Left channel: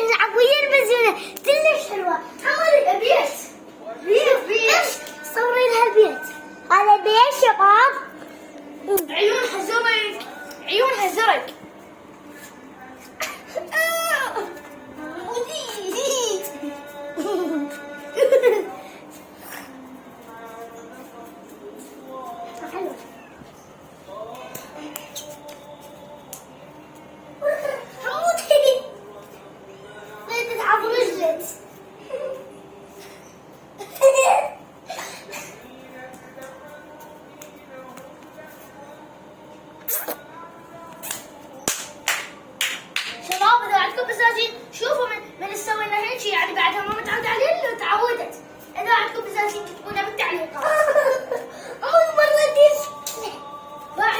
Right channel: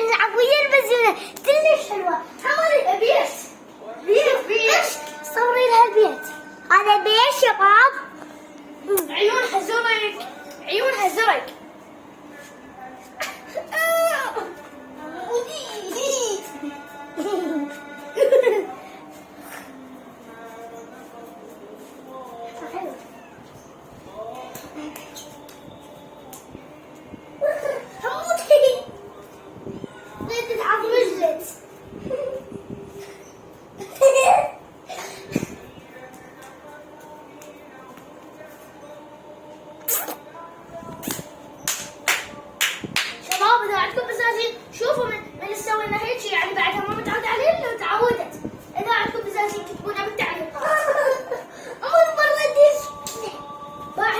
نلعب ويا البزينة كلش حلوة. حمد بيت بس صوري لها البيت. هذا بيت شباب. عيونها زرق، عيونها زرق. شباب اذا عندكم بزازين شوفوا من سوينا هيك شيء يعني بعدها ما متعود عليه تعودت. اذا عندكم بزازين كتبونا بالتعليقات.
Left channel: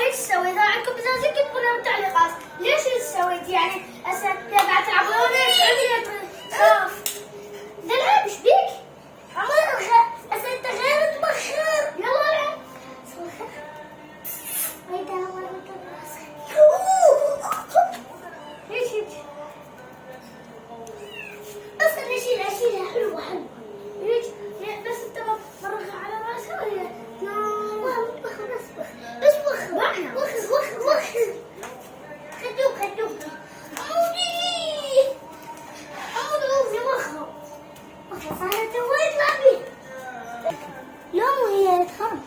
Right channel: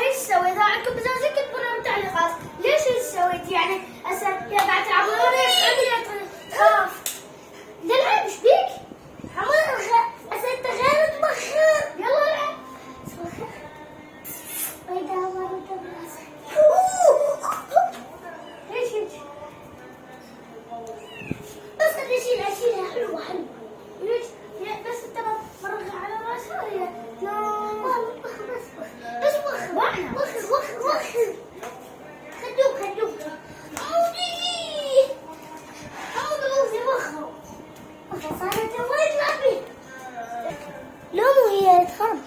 هيك تسوي. اذا عندكم بزازين كتبونا بالتعليقات ليش هيك سويت يعني هسه يا قاعد تعبوني تخاف. نلعب ايش بيك؟ حمد هسه انت غير تبخر. يلا العب. ويدا مرت راسك. هيك هيك. بس انا اشيلها حلوة حلوة. بس انت بتفرغ على راسها ولا بس وخر خدوك حمد غوزي وخر صارت وين لعبي نومو هي تخاف.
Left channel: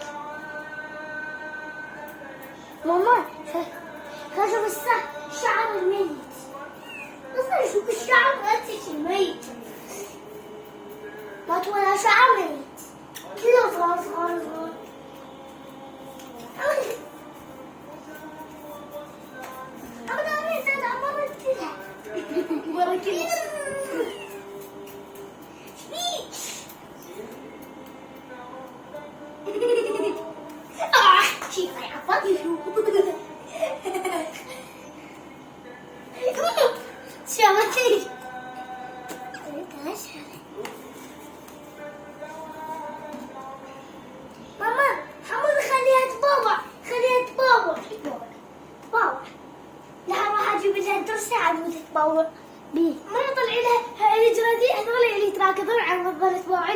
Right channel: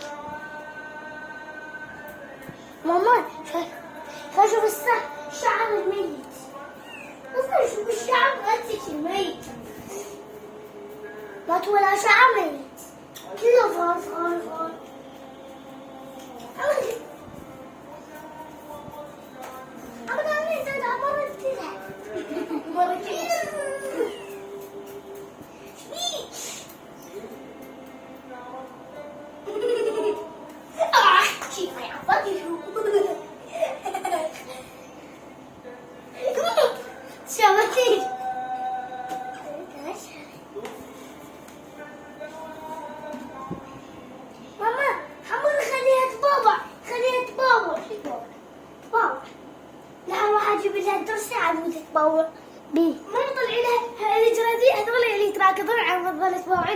ماما شوف الشعر الميت. بس شوف الشعر غتش الميت ما ولا شعر ميت كله صغار. ماما حمد خليها تبابا. لا راح اجيب لها درس عن تتبوق بيه. ما طلع لها الجرادين هذول اللي يتراكضون على مضبلة باوعين.